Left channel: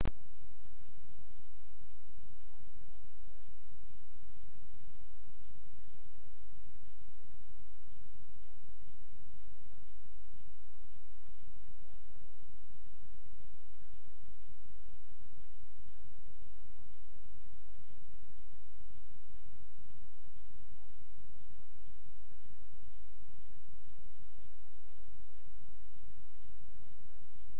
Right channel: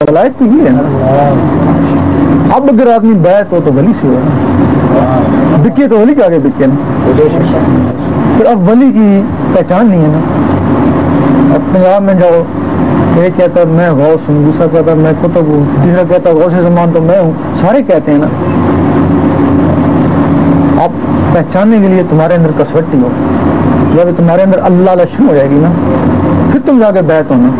ولایت تو یہ ہے نا. اب اگر آدمی بیعت ہو تو ولی سے ہو، بکے تو ولی کے آگے بکے نا. پھر اب ولی کی پہچان نہیں ہے نا. اب پنجاب میں جاؤ، ایک کہتا میں غوث ہوں، دوسرا کہتا میں قطب ہوں، تیسرا کہتا غوث زمان تو میں ہوں. سارے کہتے ہیں نا. اب پہچاننے کے لیے تمہارے اندر کسوٹی ہو، جب تمہارے اندر اللہ لشن ہو جائے گی نا، پھر تم جا کے بیعت ہونا،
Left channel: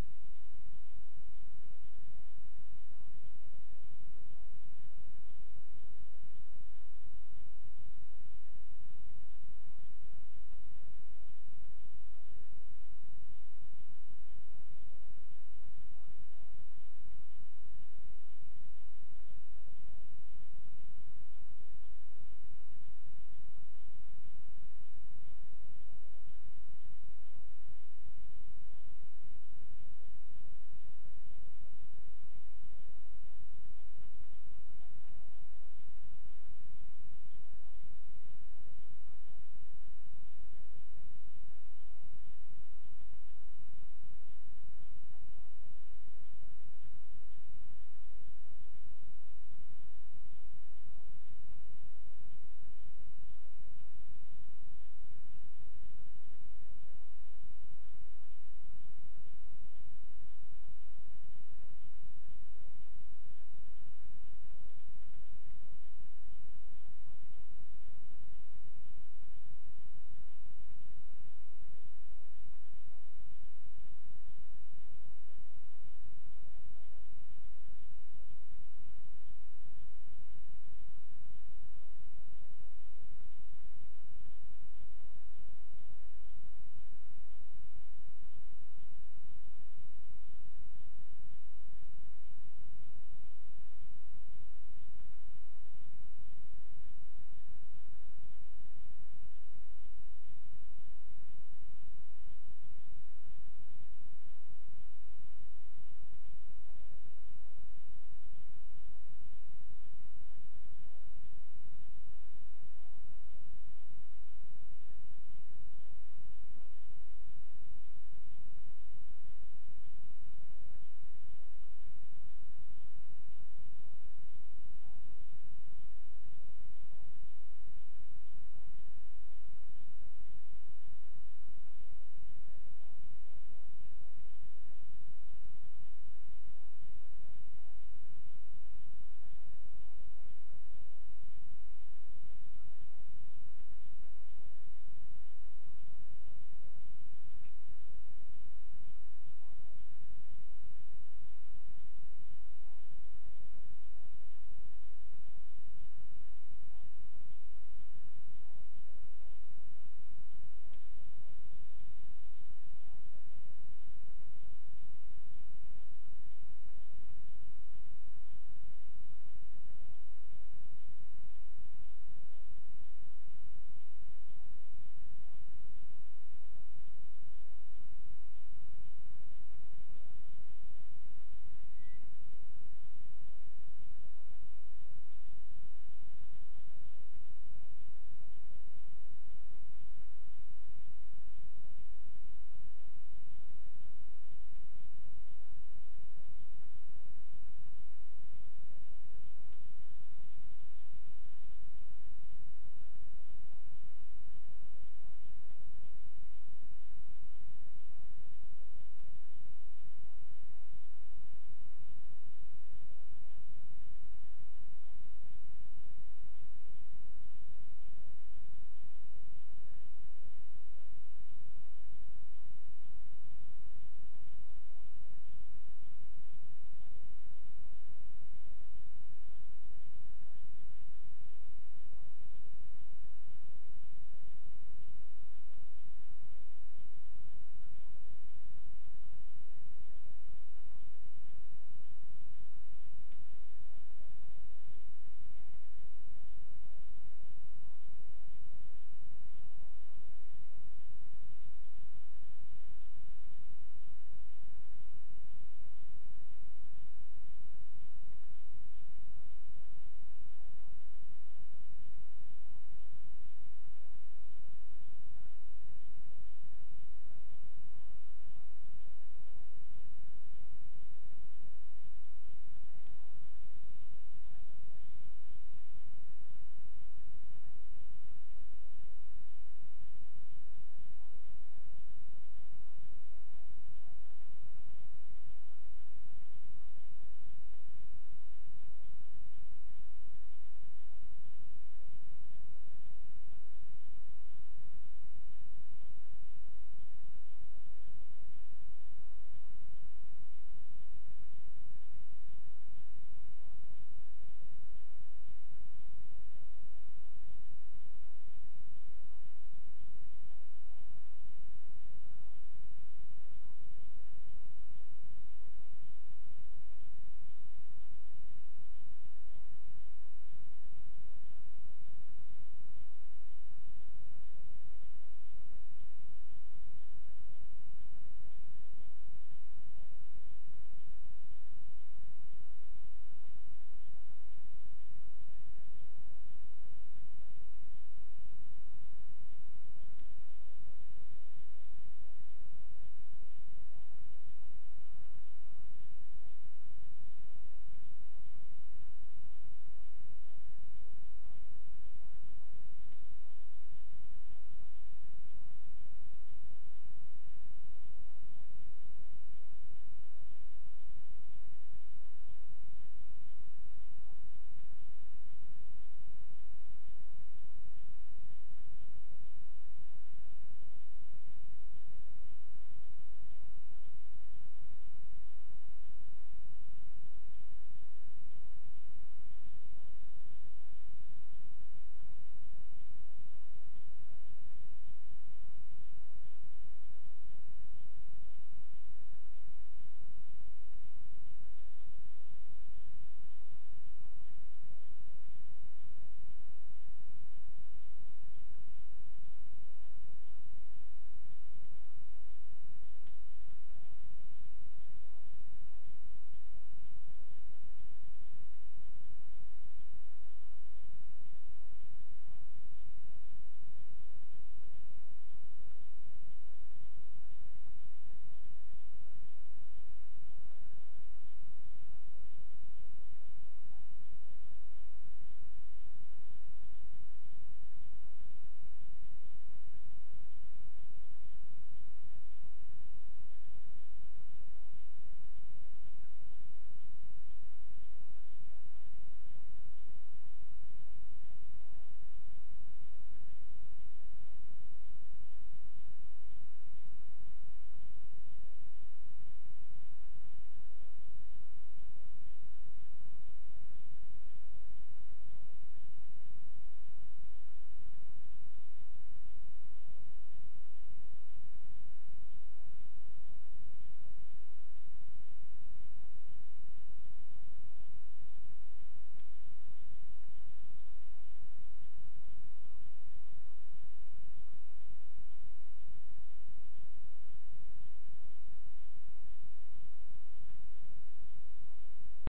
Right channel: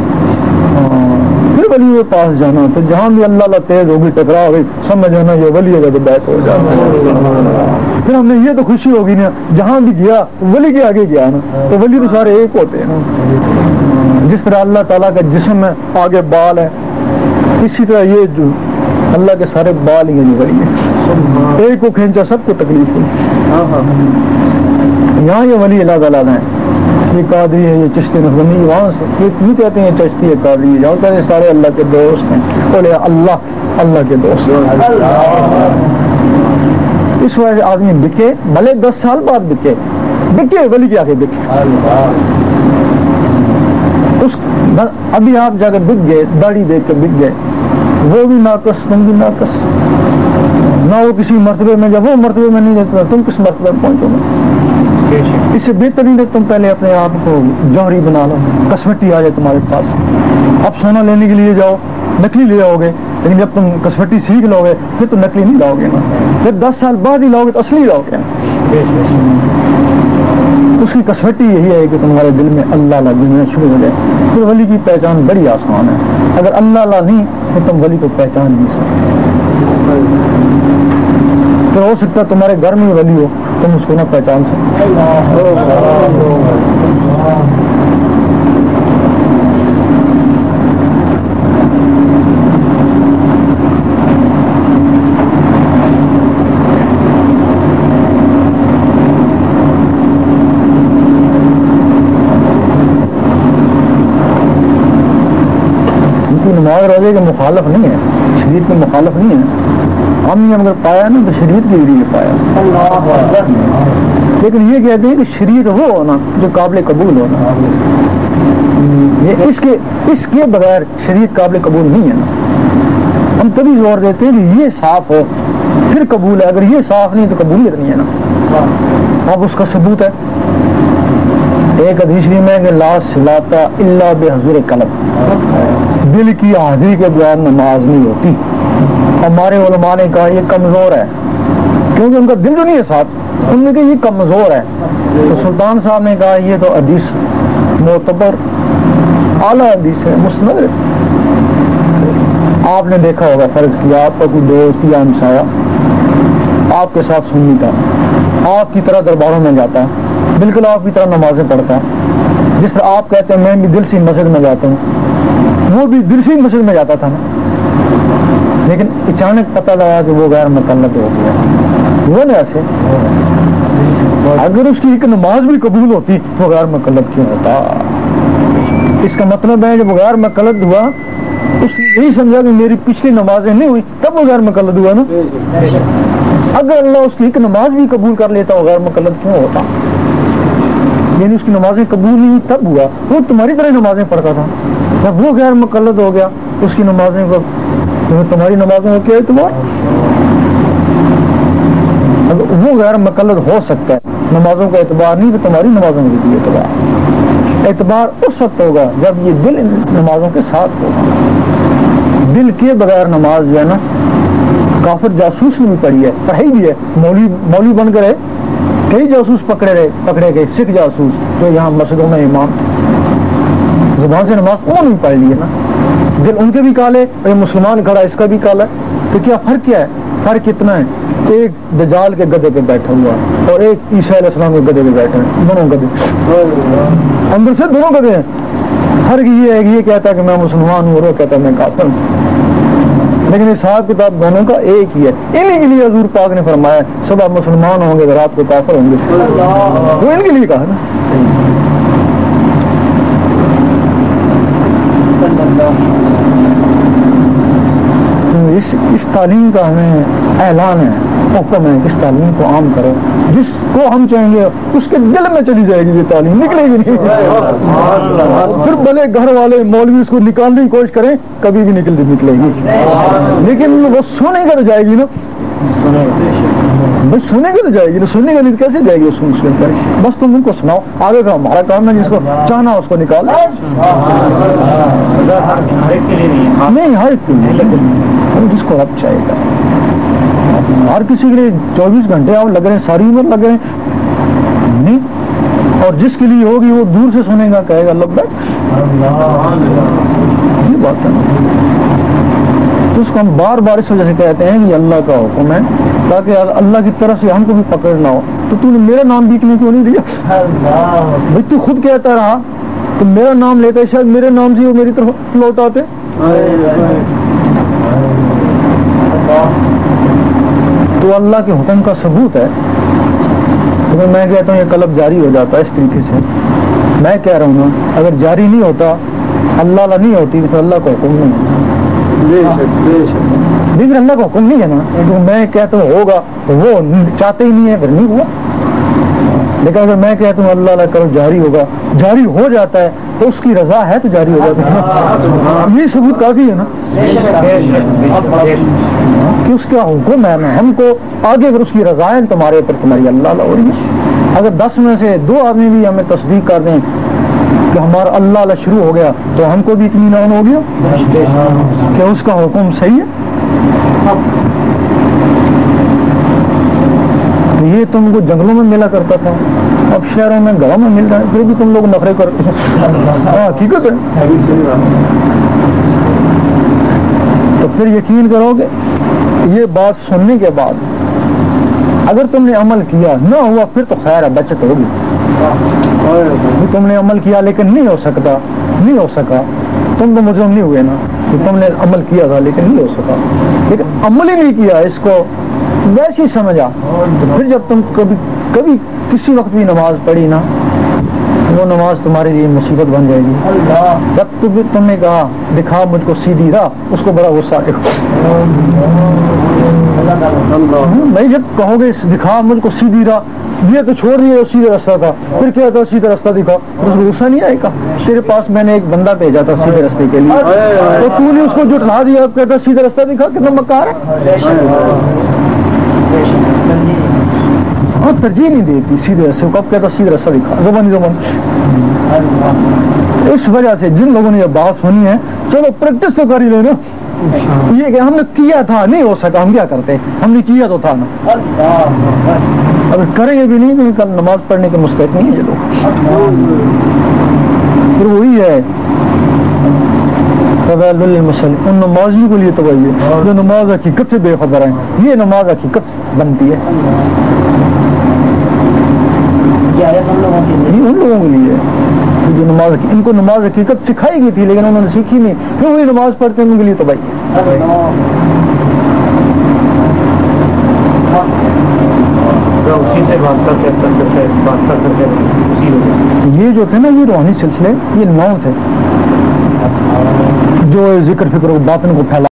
پھر ولی کے پاس جانا. تو جہاں بھی اللہ اللہ تیز ہوگی، ٹکرا ہوگی، سمجھ جانا یہ ولی ہے تو بیعت ہو جانا. پھر ہم نے یہ تو خوشی ہوگی نا، جہاں بھی گیا ولی کے آگے گیا نا. تو ولی تو سارے ایک ہوتے ہیں نا. جس طرح اللہ تعالیٰ کا جسم ہے آگے بال ہے، اسی طرح یہ جو اللہ کے سارے بال ہی جو ولی ہے، ایک کو کھینچا سب کو تکلیف ہوئی. یہاں یہ ولی اللہ تعالیٰ ہیں، یہ قادری ہے، یہ چشتی نقمی، وہاں سے یہ کیوں کہتے ہیں چشتی ہے قادری ہے، جہاں کہتے ہیں سارے اللہ کے دوست ہیں. بولے اللہ کے دوست. اس وجہ سے آدمی بکے، بھلے 10 سال بعد بکے ولی کے آگے بکے. ابھی آپ جا کے بک گئے، داڑھی دیکھ کے بک گئے، وہ بھی ناقص، تم بھی ناقص. نہ وہ کسی مرتبے میں، جب وہ مرتبے میں نہیں رہتا تم کس مرتبے میں پہنچو گے. اس سے بہتر نہیں تم پہلے اپنے آپ کو جوہری بنا لو، کسوٹی آ جائے تمہارے پاس. اب سونا لینے کے لیے جاؤ، نکلی لے آؤ گے، لیکن جب تم کسوٹی سیکھ لو گے پھر تو نکلی نہیں لاؤ گے نا. پھر 10 سال بعد ہی لاؤ گے تو اصلی لاؤ گے. اس کی کسوٹی یہی ہے کہ تمہارے دل میں اللہ لگنا شروع ہو جائے. پھر ولی کی پہچان بڑی آسان ہے. اگر اللہ نہیں تو تم ولی کو پہچان نہیں سکتے. پھر ہو سکتا ہے تمہارے گھر میں ولی ہو، تم اس کو نہ پہچان سکتے. نماز روزے کے مخالف نہیں ہے، شریعت کے مخالف نہیں ہے. ہم نے اگر پایا نا تو شریعت کے ذریعے پایا. لیکن یہ کہتے ہیں کہ شریعت وہ ہونا جو قابل قبول ہونا. اس کے بغیر شریعت قابل قبول نہیں ہے نا. ہم تبھی زور دیتے ہیں کہ یہ صاف ہو پھر قبول ہے. اگر یہ صاف نہیں تو قبولیت نہیں ہے نا. اب اس کا ثبوت ہے ایک حدیث میں کہ لا صلاۃ الا بحضور قلب، دل کی حاضری کے بغیر نماز نہیں ہوتی. ہمارے علماء نے کہا یہ کمزور ہے، کیونکہ ان کا دل جو نہیں ہے ساتھ. انہوں نے کہا یہ کمزور ہے. تو سلطان صاحب نے کہا یہ تو حدیث معتبر اعلیٰ حدیث ہے، مسند ہے. آپ نے دیکھا ہوگا، فرض کیا آپ کا کوئی دوست یا ہمسایہ آپ کے ساتھ سنی تھا، آپ کی طرح درباروں میں جاتا ہے، بالکل آپ کی طرح نمازیں پڑھتا ہے. جس طرح آپ کہتے ہیں میں بھی دل سے مسجد میں جاتا ہوں، وہ بھی دل سے مسجد میں جاتا تھا نا. لیکن اچانک پتہ لگا کہ وہ غیر مکلف ہو گیا. وہ نا ایسے اگر اس کی ایک نماز بھی قبول ہوتی وہ غیر مکلف کیوں ہوتا؟ اس کا مطلب ہے جب غیر مکلف ہوا اس نے یہی سمجھا کہ میری پچھلی نمازیں نہیں ہوئی تب وہ غیر مکلف ہوا نا. اگر اللہ اس کی ایک نماز بھی قبول کر لیتا وہ غیر مکلف کیوں ہوتا؟ یعنی اس کی نمازیں قبول نہیں ہوئی تب ہوا. وہ تمہاری طرح نمازیں پڑھتا تھا، جب وہ غیر مقلد ہو گیا اس کی نمازیں کو تمہاری نمازوں کو کیا اعتبار؟ اگر وہ غیر مقلد ہو سکتا ہے نمازوں کا اعتبار نہیں تو تمہاری نمازوں کا بھی اعتبار. اعتبار اس وقت ہوگا جب یہ دل نمازوں کے ساتھ ہوگا. دل کے بغیر نماز جو ہے نا، کافر جاسوس نے بھی پڑھی ہے، پڑھائی بھی ہے، مولوی بن کر کئی جاسوس پکڑے گئے، سکھ جاسوس جو یہاں مسجدوں میں امام زبان سے نماز انہوں نے پڑھ لی ہے نا. دل ان کے بھی کالے، اور مسلمان کھڑا اس کا بھی کالا ہے. تو کیا فرق کیا ہے؟ فرق اتنا ہے کہ ایک دجال کے گدے پہ بیٹھا ہوا اور ایک عیسیٰ علیہ السلام کے گدے پہ بیٹھے ہیں. دونوں گدے اندر سے دونوں گدے ہیں. فرق یہ ہے کہ یہ کہتا ہے کہ میں مسلمان ہوں اور وہ کہتا ہے میں کافر ہوں. لیکن حساب کتاب دونوں کا ایک ہی ہے. انہیں کے لیے حضور پاک نے فرمایا صبح مسلمان ہوں گے تو رات کو کافر ہوں گے. وہ ان کے لیے کہا نا. اس تعلیم کا ہمیں اعلان ہے، حکم ہے کہ اس تعلیم کو عام کرو، جس کو ہم چاہیں گے اس کے دل میں چلی جائے گی یہ تعلیم، نکلے گی نہیں، پھر بھلے گھر والے مولوی اس کو نکالنے کی کوشش کریں کبھی بھی نکلے گی، لیکن وہ سنے گا تو جائے گی نا، بس سنے گا تو جائے گی نا، سنے گا نہیں تو کیسے جائے گی سن کر، بس تم ان کو سناؤ، آگے کا ہمارا کام ہے، جس کو چاہنا اس کو نکال نہیں، ہر ایک کے لیے، لیکن جس کو اب چاہے گا، ہر کسی کے لیے 24 گھنٹے آپ لگ رہے ہیں، ساری عمر لگ رہے ہیں نہیں، اور جس کے لیے ہوگی وہ دور سے سنے گا، کہے گا لبیک، یہ بات ہے نا، تو اس کو ہم بار بار اس وجہ سے کہتے ہیں کہ اللہ کا حکم ہے تاکہ اللہ کی طرف سے ہم کو بھی پکڑ نہ ہو، تو نے میرا نام بیچنے کیوں نہیں دیا؟ بھائی تو خود کہتا رہا تو میرا نام لیتا، شاید میرے نام سے وہ میری طرف لوٹ آتے، تو اللہ کے حکم کا ثبوت ہے، تو میں کہتا ہوں یہ قلب جاری ہو جاتا ہے اس طریقے سے، میں کہہ رہا ہوں نا اگر جاری نہیں ہوتا، اللہ نہیں ہوتی تو اللہ کا حکم نہیں ہوتا، لیکن اللہ کا حکم نہیں ہے نا، میں کہتا ہوں ہوگا وہ چاہتے ہی نہیں ہے، پھر نہیں ہوا، لیکن اگر میں کہتا ہوں اللہ کرو جاری ہوگا، جاری ہو جاتا ہے تو اس کی رضا ہے تو جاری ہو جاتا ہے، یہ ثبوت کافی ہے نا کہ اس کا حکم ہے نا، ہم کو آگے اگر اس کی رضا ہے تمہارے اوپر تمہاری اللہ ہو رہی ہے، اگر 10 میں سے 2 آدمی بھی ہمیں تصدیق کر دیں کہ ہمارا اللہ شروع ہو گیا تو ہم کو بھی اطمینان ہو گیا کہ اس کا حکم صحیح ہے، یہ تم کو جنگلوں میں ملا کرتا تھا، اب شہروں میں گاؤں میں مل رہا ہے، پھر بھی تم لوگ نفرت کرتے ہیں، حقیقت ہے، تو پھر یقین کرو کہ یہ بات سننے کے بعد اگر تم نے عمل کیا نہ ہوا پھر تو خیر ہے، بچت ہوگی، تم نے عمل کیا لیکن نہیں ہو سکا، تم تو مجرم نہیں ہوئے نا، کہ تم نے عمل کیا تھا لیکن نہیں ہو سکا، لیکن عمل ہی نہیں کیا، اس کو ویسے ہی سمجھا، تو پھر جب تم کبھی کسی وقت بھی نماز پڑھی نا، وہ نماز تمہارے لیے مصیبت بن جائے گی، جب تم نے کہا دکھا مجھ کو سیدھی راہ، اس کو بڑا غصہ آئے گا، بھائی جب کہو گے دکھا مجھ کو سیدھی راہ، یہ تو چھوڑ دیا سیدھا راستہ تھا، پھر کیا تھا سیدھا راستہ دکھا، اس کو غصہ نہیں آئے گا؟ تیرے پاس میں نے ایک بندہ بھیجا تھا سیدھے راستے کے لیے، تو تو نے اس کو جھٹلا دیا، کہتا سیدھا راستہ دکھا، کتنا مکار ہے، ہاں ترجیح نہیں دیتی سیدھے راستے کو، کب کہتا سیدھا راستہ دکھا، زبان اس وجہ سے جن لوگوں نے یہ بات سنی ہے چلو پریکٹس تو کر ہی لینا، یہ کہ ہم نے کیا تھا نہیں ہو سکا، ہم کیا کرتے، ہم نے کیا تو تھا نا، اگر کریں گے بھی نہیں تو کل نماز پڑھنے کے مستحق نہیں ہے یہ لوگ، پھر وہی ہے ان نمازیوں کے لیے تباہی ہے جو نماز حقیقت سے بے خبر ہیں، یہ نماز حقیقت بنتی ہے، ان لوگوں کے لیے جو نماز ان کو نماز حقیقت سکھائی گئی تھی لیکن انہوں نے سیکھی نہیں، پھر وہی نماز پڑھتے ہیں، ان کے لیے تباہی ہے، یہ جو تھے نا یہ روحانی سلسلے، یہ 9 تھے جو ذکر فکر و باطن کو پھیلا